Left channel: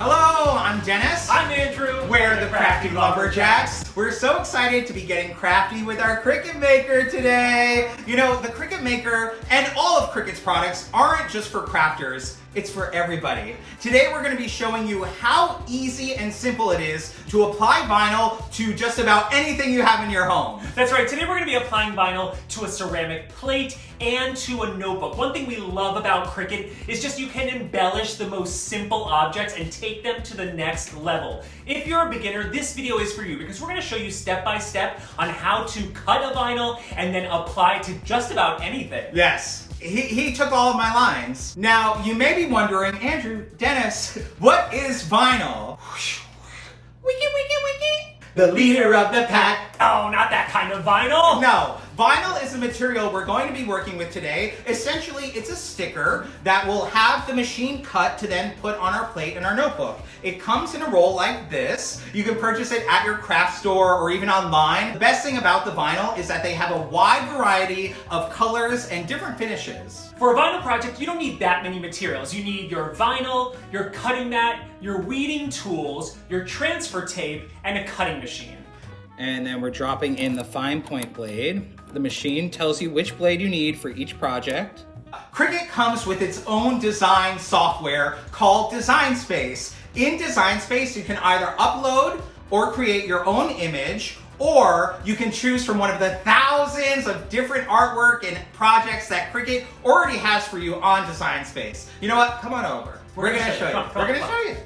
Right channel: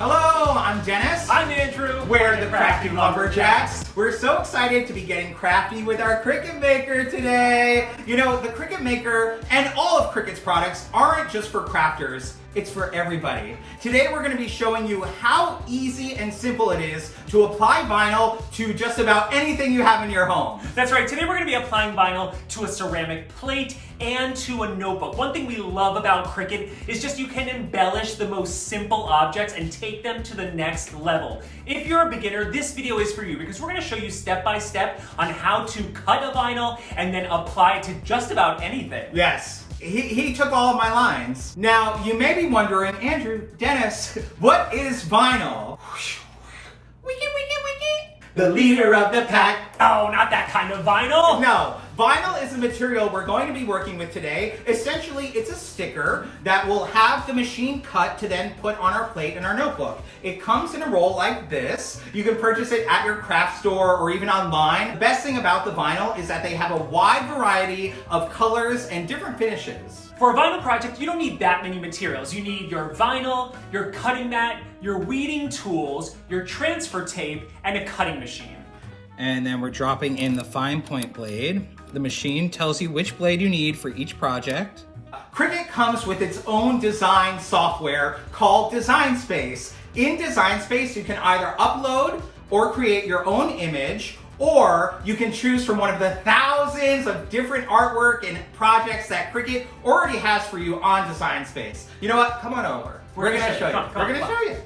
Hello, I'm Dennis. I'm Andrew. We're the Crafty Lumberjacks. We're so excited to be getting crafty with our Cricut Maker today. You know, the Cricut Maker and all of Cricut's products aren't just for crafters, it's for everybody. Today we're going to be showing you how easy and simple it is to apply vinyl to just about anything you have in your home. That's right, today we're going to be applying vinyl to a ceramic plate and to a notebook. One thing we love about Cricut is just you can embellish the most simple objects and take them to the next level. If you're a beginner, this video is for you because we're going to show you step by step on how to cut a vinyl and then apply it to just about anything. Yes. He took all of my lines. Now, you may be wondering, Andrew, Dennis, what is vinyl? Wiki, wiki, wiki. The leader of the pack. Oh, not that kind of vinyl. No, vinyl is the material we're going to be working with today. Essentially, it's a sticker that will have the machine cut to then put on our plate and our notebook. It comes in a roll like this. You can purchase it at your craft store or even online. The best thing about the vinyl is that they have a wide variety of colors and different finishes. For a vinyl project, you don't need that many materials. You need your vinyl, your cutting mat, your weeding tools, your transfer tape, and a cutting machine. And then we're dropping in the fine point blade. The machine tells you which blade you need for each project. Cricut comes with its own design software called Design Space. In Design Space, you can either upload or create your own image, or you can choose from one of the thousands of different artwork and projects that Cricut already has for you on Design Space. You know what? Come on over. We're gonna show you. We're gonna show you.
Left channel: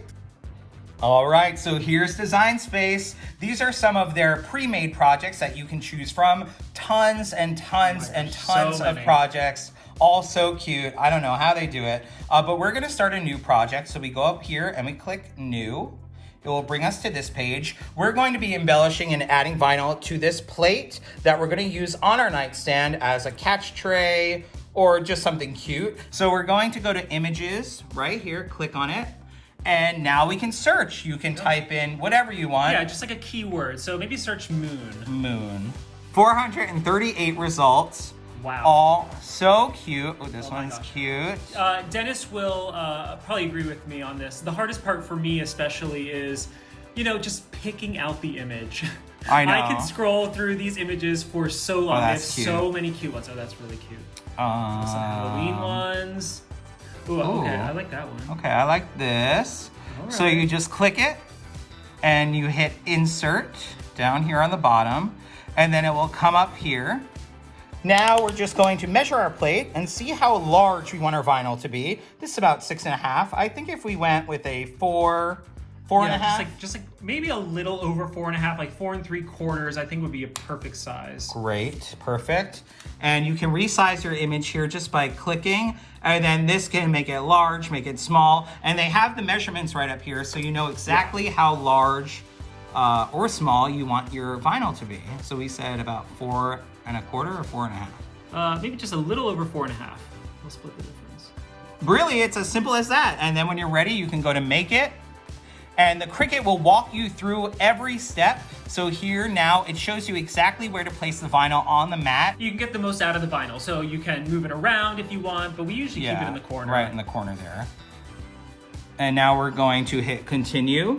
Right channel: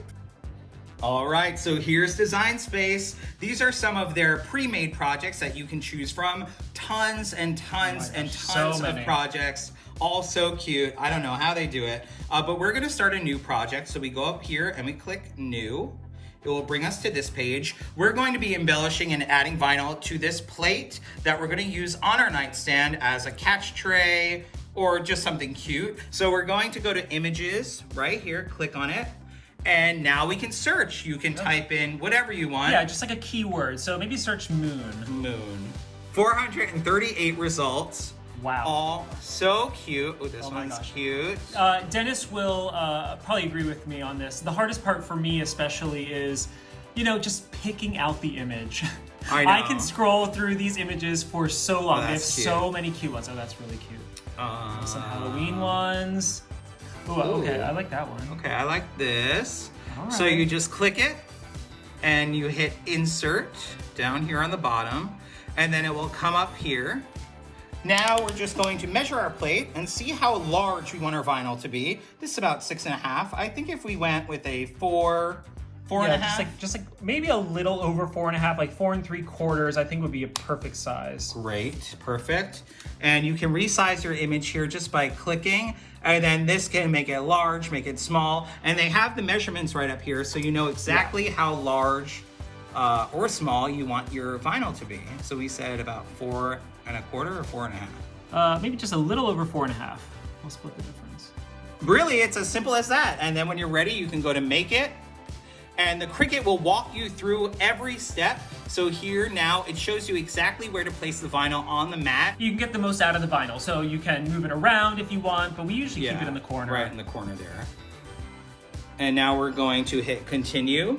All right, so here's Design Space. These are some of their pre-made projects that you can choose from. Tons and tons and tons of projects. All so cute. I don't know how they do it, but we're gonna start a new project. So we go up here and we click New. It will bring us to this page. We're going to be embellishing and adding vinyl to this plate that we're gonna use on our nightstand as a catch tray or just something cute. So we're going to go to Images right here, click on it. And now we can search. You can type in whatever you want. Yeah, just like a keyword. So maybe search moon. Moon. 438 results. Wow. All so cute. Oh, this one's cute. Dennis will probably agree with me on this. The hardest part for me especially is, you know, just picking out the image. I know. I can scroll through these images for so long. They have cute. so many cute ones. Oh, that's really cute. Some Halloween ones. Ooh, okay, I like that one. Okay, I like this. All right. So you just click it and you hit insert down here on the bottom, and then it will come up here. Now we're just going to measure our plate and see how large we want our vinyl to be. This is about 6.5. I think if we went with a 4 and a half. Just like maybe a little over 4.5, like 4 3/4, I think would be a perfect size. Great, perfect. And you can resize your image here just by clicking, and then this can make it large, make it small, and they have the measurements right up here so you know exactly how large or small you want your vinyl to be. So we said about 4 1/4 or 4 1/2. Maybe just a little over 4.5. We'll split the difference. Really, it's as simple as that. And then when you're ready, you can go to Make It, and the Cricut will walk you through every step. So here now, it shows you exactly where to place the vinyl on the mat. You can get the most out of the vinyl, so you can move it around if you want, but we usually keep it in the corner. Right in the corner there. And now we're going to hit Continue.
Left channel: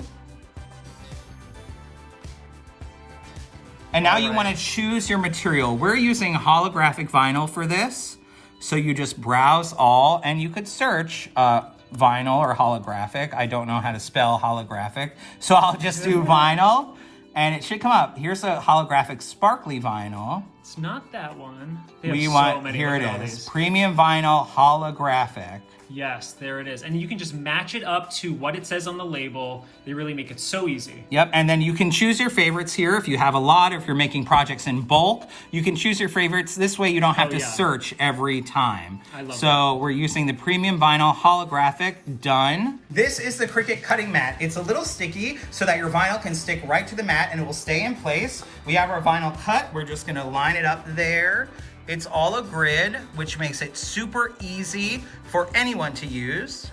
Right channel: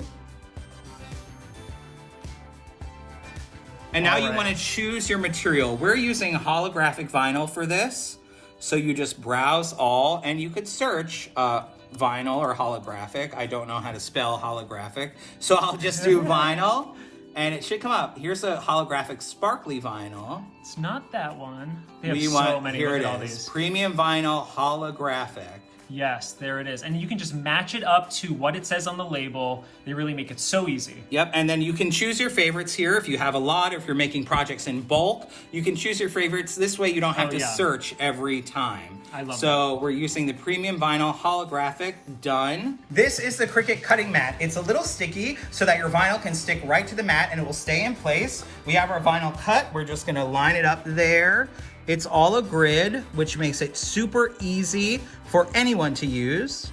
And now you want to choose your material. We're using holographic vinyl for this. So you just browse all, and you could search vinyl or holographic. I don't know how to spell holographic. So I'll just do vinyl, and it should come up. Here's a holographic sparkly vinyl. It's not that one. They have so many. Here Look at all it is. these. Premium vinyl holographic. Yes, there it is. And you can just match it up to what it says on the label. They really make it so easy. Yep, and then you can choose your favorites here if you have a lot, if you're making projects in bulk. You can choose your favorites. This way you don't have to search every time. I love So we're using the premium vinyl holographic, done. This is the Cricut cutting mat. It's a little sticky so that your vinyl can stick right to the mat and it will stay in place. We have our vinyl cut. We're just gonna line it up there. It's all a grid, which makes it super easy for anyone to use.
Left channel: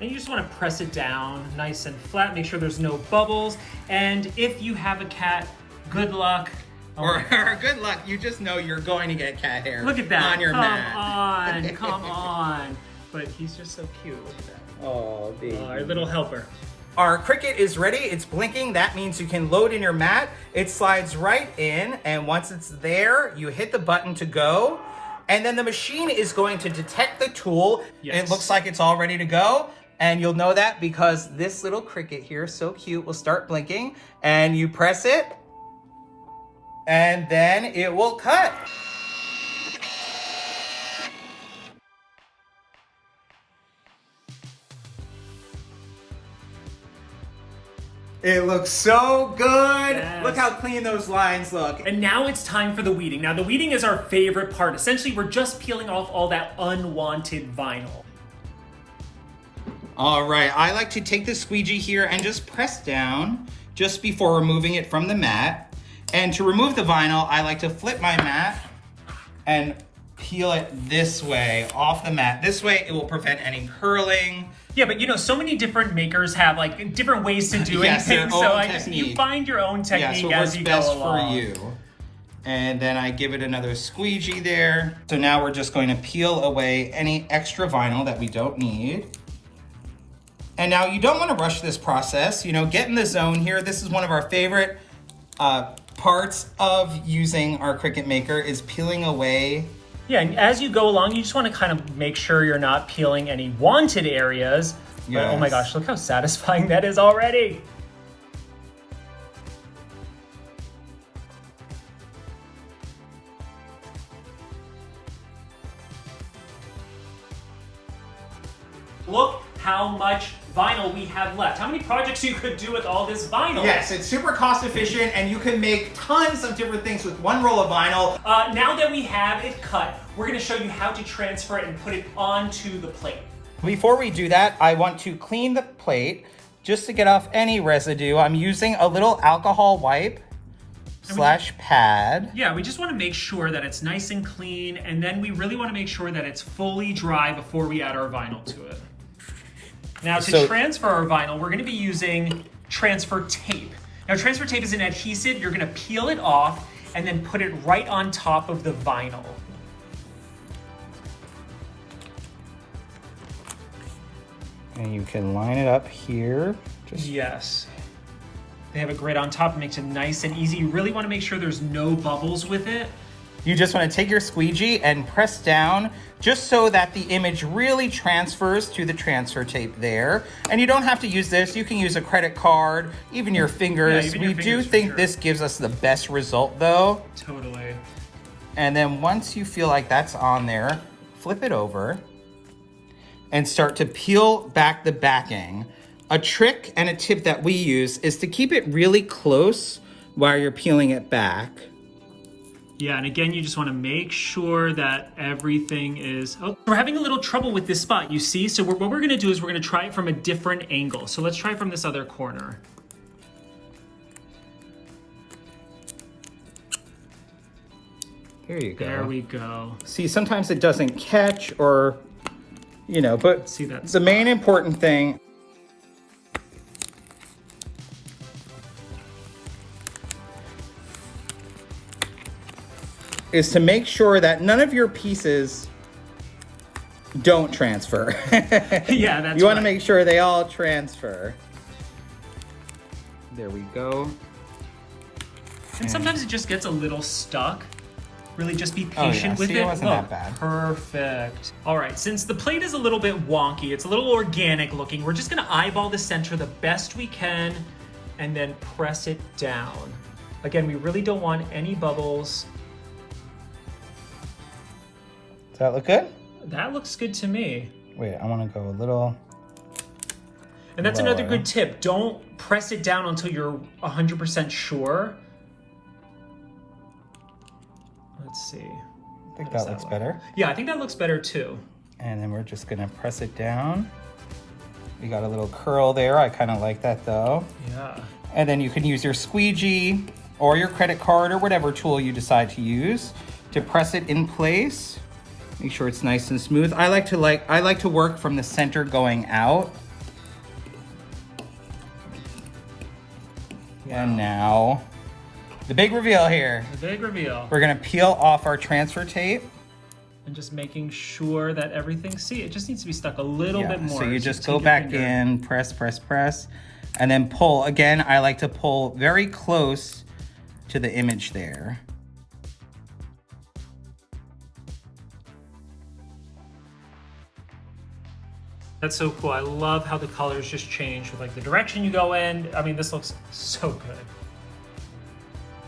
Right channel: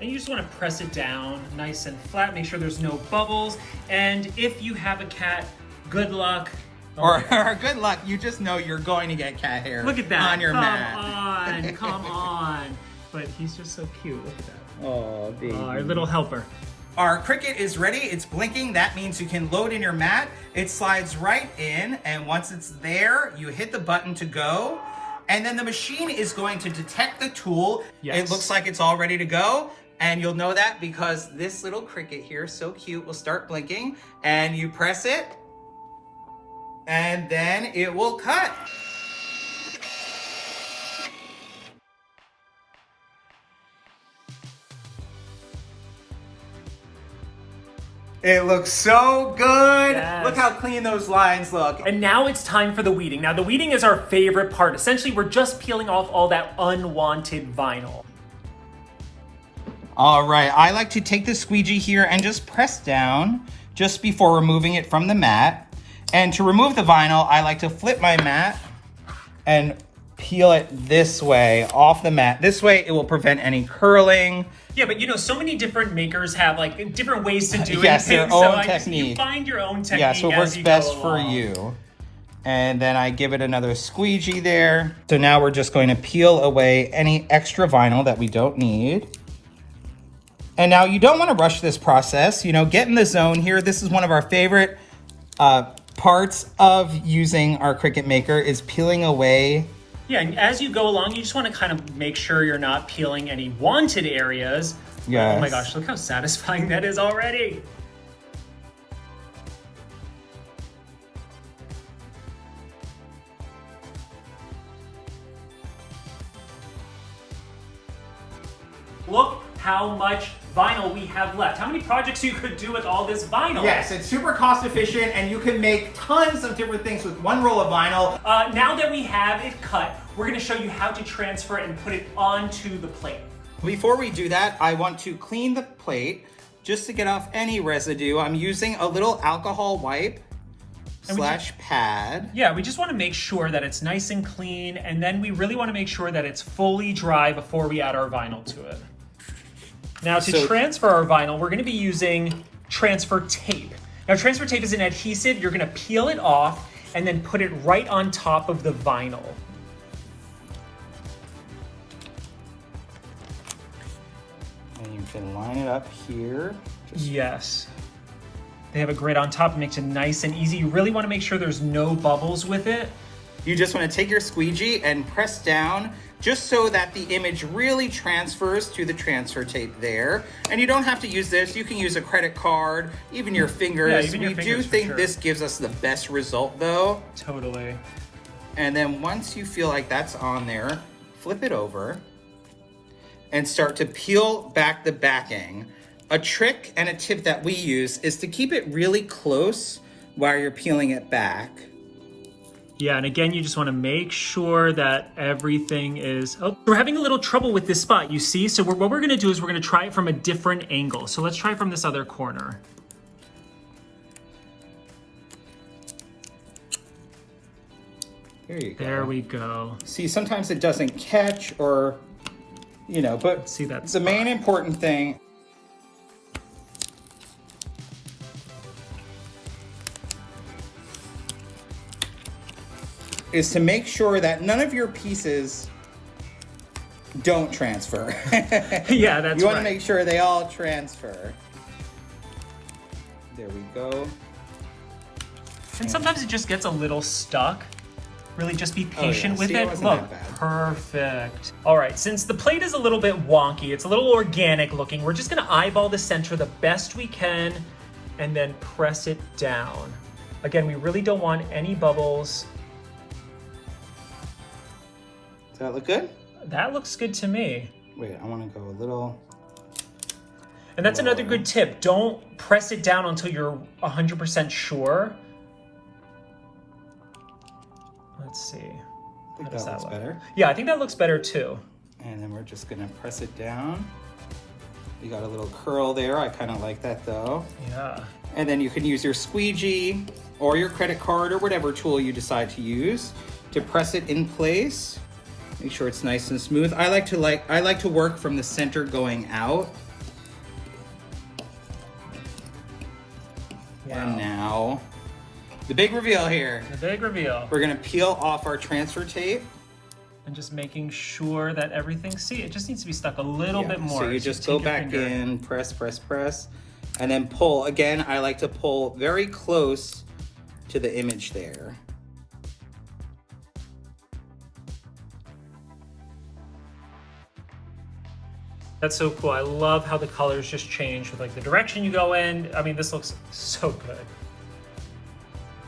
And you just want to press it down nice and flat, make sure there's no bubbles. And if you have a cat, good luck. Or good luck, you just know you're going to get cat hair. Look at that. on your mat. Come on. but he's just so cute. Look at that. Oh, baby. Our little helper. Our Cricut is ready. It's blinking. That means you can load in your mat. It slides right in, and once it's there, you hit the button to go, and then the machine is going to detect the tool. Yes. It looks like it's all ready to go, and you'll know that because this little Cricut here, so cute, will start blinking, and you press it, and then it will cut. It looks so good. Yes. Look how clean those lines look. And now it's time for the weeding. Now the weeding is our favorite part. Essentially, we're just peeling off all that unwanted vinyl. All right, I like to take the squeegee here and just press down just before removing it from the mat. And to remove the vinyl, I like to flip my mat and peel it this way off the mat. This way it will prevent any curling. Yeah, but you know, so many different makers have like different ways to do Yes, their things. own So technique. you find your own technique Yes, as you what's go best for along. you. And then I give it another squeegee there. So now we're just going to peel away any extra vinyl that we don't need. And now you don't want to rush this process. You know, get in the zone here. This is one of our favorite parts of using our Cricut Maker is peeling away. Yeah, and as you go along, you just want to kind of make sure you're not peeling any wanted areas. But, oh my Yes. gosh, look how satisfying that is already. Look how much vinyl we have left. How many projects you could do with all this vinyl? Yes, it's super cost efficient and you can make tons of different things with one roll of vinyl. Now that we have it cut, we're gonna show you how to transfer it and put it onto the plate. Before we do that, I want to clean the plate just to get off any residue. I'm using a little alcohol wipe slash pad. Yeah, we just wanna make sure that it's nice and clean, and then we really wanna make sure that it's fully dry before we add our vinyl to it. Now to transfer our vinyl, we're gonna be using transfer tape. Now transfer tape is an adhesive. You're gonna peel it off and then put it right on top of the vinyl. And you can line it up here. Yes. They have a grid on top. It makes it nice and easy. You really wanna make sure there's no bubbles with it. You just want to take your squeegee and press down just so that the image really transfers to the transfer tape there. And you don't have to use this. You can use a credit card, even your fingers. Yeah, even your we fingers, do for think sure. this gives us the best result though. Totally. And then once you feel like that's on there, flip it over and start to peel back the backing. A trick and a tip that we use is to keep it really close while you're peeling it back. Yeah, and again, you just want to make sure that everything is... Oh, we're having a little trouble with this spot, you see? So what we're going to do is we're going to try it from a different angle. So let's try from this other corner. Here you go. There we go. See, sometimes it doesn't catch or, you know, but See that the main important thing is to make sure that none of your pieces don't transfer. Yeah, that's You want right. to make sure they all transfer. There we go. And sometimes it just gets a little stuck. Really just be patient yeah, with see, it. it wasn't that Look, bad. perfect. All right, since the plate is a little bit wonky, it's a little organic looking, we're just gonna eyeball the center the best we can and then press it down. Again, we really don't want any bubbles. Does that look good? That looks good to me. Wait, I want to go a little... And that's another lower. good tip. Don't press it down until you're 100% sure. Let's see. I think How does that looks look? better. Yeah, I think that looks better too. And then we're just gonna press it down. You got a little curl there. I kind of like that though. Yeah. And then you can use your squeegee or your credit card or whatever tool you decide to use to press it in place. Make sure it's nice and smooth. I like to work from the center going out. Wow. And now the big reveal here. The big reveal. We're gonna peel off our transfer tape. and just making sure that everything, see, it just needs to be stuck a little bit more. So you just take go your back finger in, press, press, press, and then pull. Again, I like to pull very close to the image there. That's so cool. I love how the colors just change with like the direction you go in. I mean, this looks so good.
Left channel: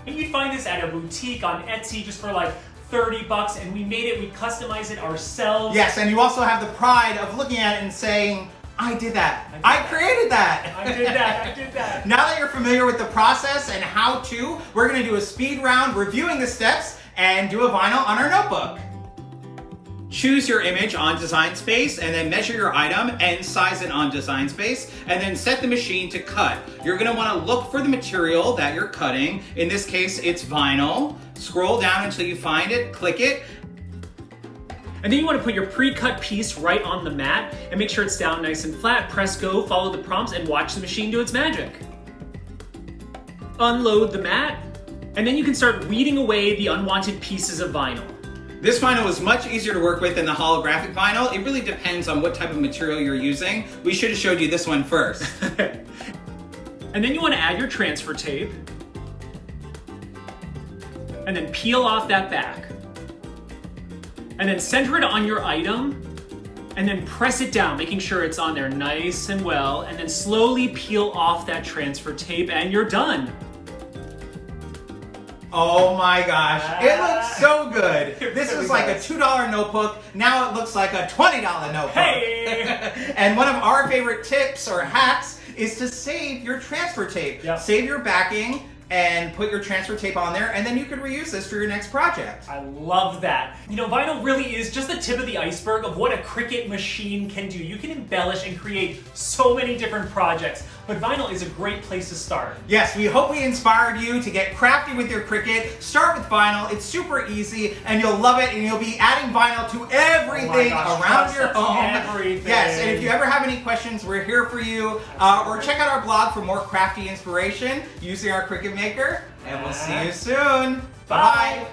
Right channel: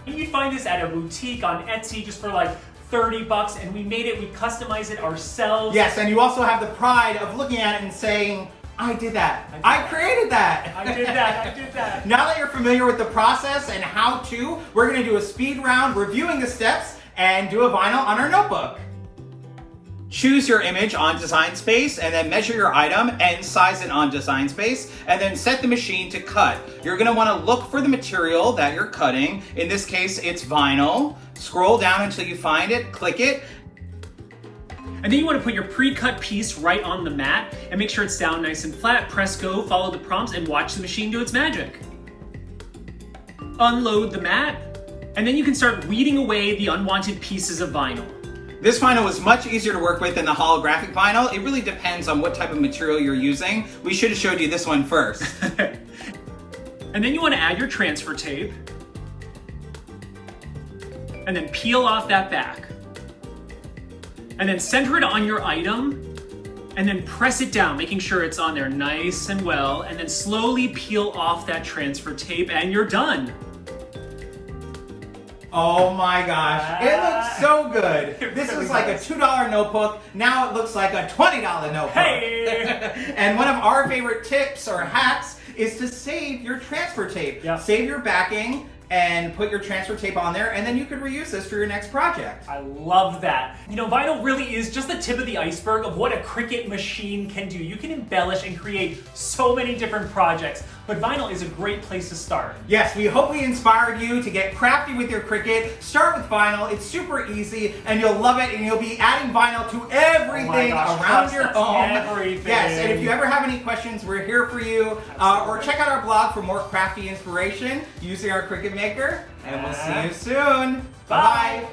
You'd find this at a boutique on Etsy just for like 30 bucks, and we made it, we customized it ourselves. Yes, and you also have the pride of looking at it and saying, I did that. I created that. I did that. I did that. Now that you're familiar with the process and how to, we're gonna do a speed round reviewing the steps and do a vinyl on our notebook. Choose your image on Design Space and then measure your item and size it on Design Space and then set the machine to cut. You're gonna wanna look for the material that you're cutting. In this case, it's vinyl. Scroll down until you find it, click it. And then you want to put your pre-cut piece right on the mat and make sure it's down nice and flat. Press go, follow the prompts, and watch the machine do its magic. Unload the mat, and then you can start weeding away the unwanted pieces of vinyl. This vinyl was much easier to work with than the holographic vinyl. It really depends on what type of material you're using. We should have showed you this one first. And then you want to add your transfer tape, and then peel off that back. And then center it on your item, and then press it down, making sure it's on there nice and well, and then slowly peel off that transfer tape, and you're done. Oh my gosh, it looks so good. This really was like does. a $2 notebook, now it looks like a $20 notebook. Hey! And one of our favorite tips or hacks is to save your transfer tape. Yep. Save your backing and put your transfer tape on there, and then you can reuse this for your next project. I love that. You know, vinyl really is just the tip of the iceberg of what a Cricut machine can do. You can embellish and create so many different projects, but vinyl is a great place to start. Yes, we hope we inspired you to get crafty with your Cricut. Start with vinyl, it's super easy, and you'll love it, and you'll be adding vinyl to everything around your home. Everything. Yes, and if you ever have any questions, we're here for you. Or check out our blog for more crafty inspiration using our Cricut Maker, and we'll see you soon. Bye-bye.